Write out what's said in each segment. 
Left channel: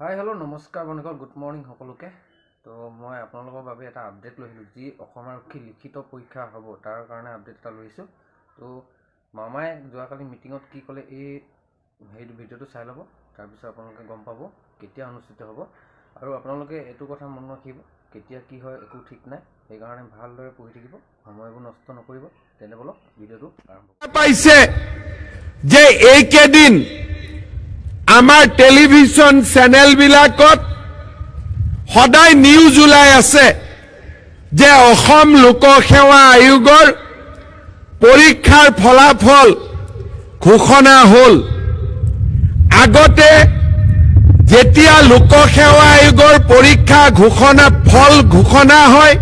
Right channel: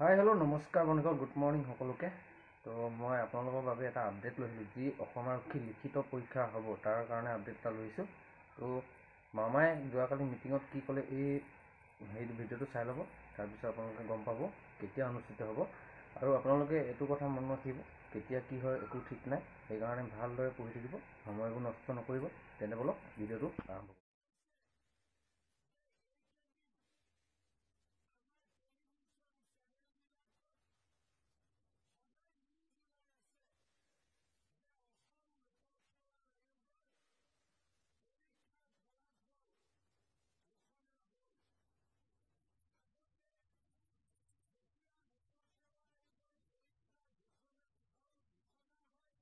hi hello नमस्कार बंधुगण good morning सकलोके तो मैं आपनलोকৰ বাবে এটা আপডেট লৈছিলো जी অসম আৰক্ষী লিখিত পৰীক্ষা হ'ব তাৰ কাৰণে আপডেট এটা লৈছো তো মামাই যোৱাকালি মিটিংত কি ক'লে এই ভিডিঅ'টো চাই ল'ব তাৰ পিছত আপোনালোকে গম পাব কেতিয়া অনুষ্ঠিত হ'ব আৰু আপোনালোকে এটো কথা মন ৰাখিব কেতিয়া কি হয় একো ঠিক নাই এই কাৰণে ভালদৰে পঢ়ি থাকিব সময়বোৰ নষ্ট নকৰিব তেনে বলক ভিডিঅ'টো আৰম্ভ পাইছে যে এই কেদিন आमार टेलिविजन चैनल बिलाकत सदाय निউজ उलाई आछे जे अहोम लोक सेवा आयोगर परीक्षार फलाफल घोषणा हल आगते जेतिया लोक सेवा आयोगर परीक्षा घोषणा फल घोषणा হয়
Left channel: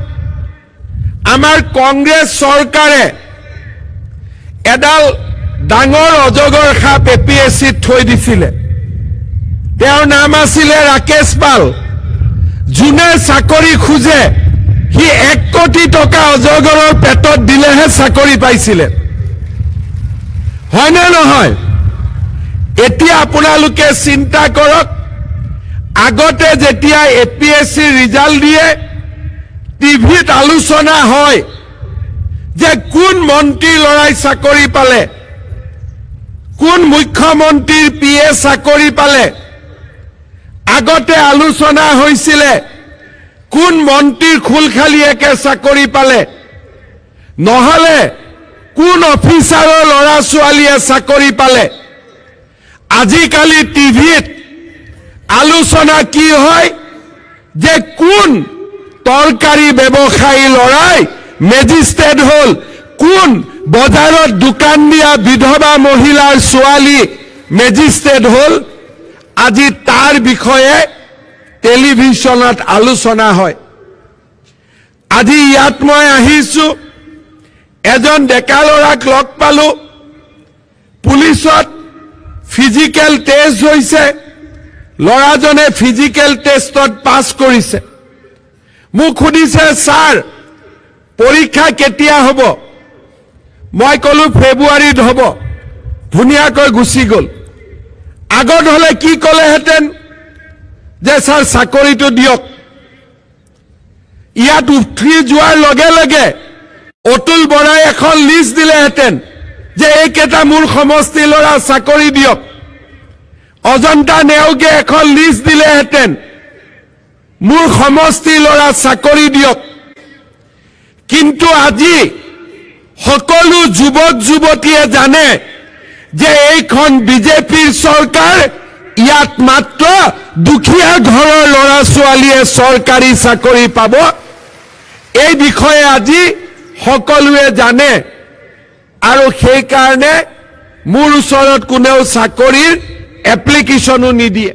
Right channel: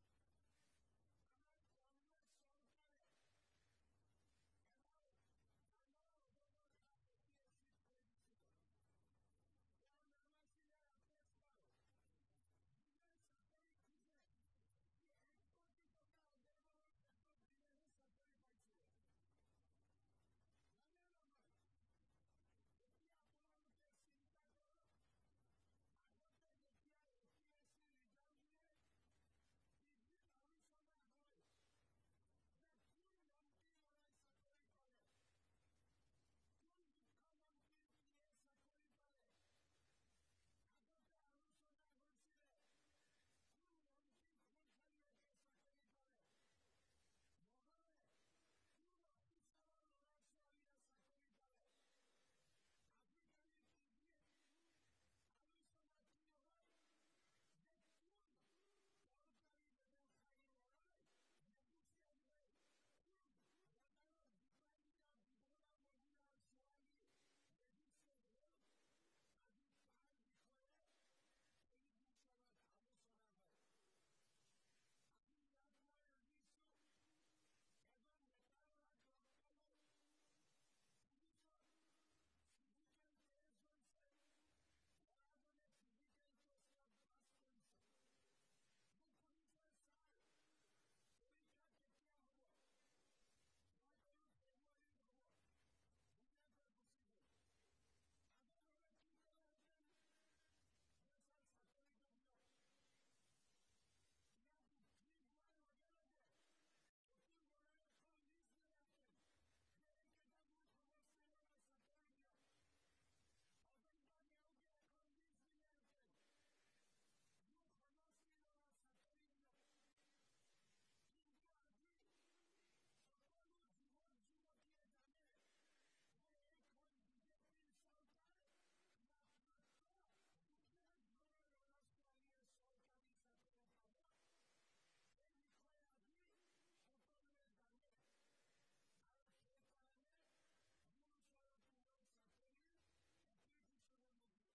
आमार कांग्रेस सरकारे एडाल डांगर अजगर साप एपीएससी थई दिसिले তেওঁৰ নাম আছিল ৰাকেশ পাল জুনে চাকৰি খুজে হি 1 কোটি টকা অজগৰৰ পেটত দিলেহে চাকৰি পাইছিলে হয় না নহয় এতিয়া আপোনালোকে চিন্তা কৰক আগতে যেতিয়া এপিএসসি ৰিজাল্ট দিয়ে টিভিত আলোচনা হয় যে কোন মন্ত্ৰী লৰাই চাকৰি পালে কোন মুখ্যমন্ত্ৰীৰ পিএ চাকৰি পালে আগতে আলোচনা হৈছিলে কোন মন্ত্ৰীৰ খুলখালিয়েকে চাকৰি পালে নহলে কোন অফিচাৰৰ লৰা ছোৱালীয়ে চাকৰি পালে আজিকালি টিভিত আলোচনা কি হয় যে কোন তৰকাৰী ব্যৱসায়ী লৰাই মেজিষ্ট্ৰেট হল কোন বজাৰত দোকান দিয়া বিধৱা মহিলাৰ ছোৱালী মেজিষ্ট্ৰেট হল আজি तार বিষয়ে টেলিভিশনত আলোচনা হয় আজি ইয়াত মই আহিছো এজন ডেকা লৰাক লগ পালো পুলিশত ফিজিক্যাল টেস্ট হৈছে লৰাজনে ফিজিক্যাল টেষ্টত পাস কৰিছে মোক খুদিছে স্যাৰ পৰীক্ষা কেতিয়া হ'ব মই কলো ফেব্ৰুৱাৰীত হ'ব ধুনিয়াকৈ গুছি গল আগত হলে কি কলে হেতেন যে স্যার চাকৰিটো দিয়ক ইয়াত উঠি যোৱাৰ লগে লগে অতুল বৰাই এখন লিষ্ট দিলে হেতেন যে এইকেটা মোৰ সমষ্টি লৰা চাকৰি দিয়ক অজন্তা নেওগে এখন লিষ্ট দিলে হেতেন মোৰ সমষ্টি লৰা চাকৰি দিয়ক কিন্তু আজি সকলো যুৱক যুৱতীয়ে জানে যে এইখন বিজেপিৰ সৰকাৰ ইয়াত মাত্ৰ দুখিয়া ঘৰৰ লৰা ছোৱালীয়ে সৰকাৰি চাকৰি পাব এই বিষয়ে আজি সকলোৱে জানে আৰু সেই কাৰণে মোৰ ওচৰত কোনেও চাকৰিৰ এপ্লিকেশনো নিদিয়ে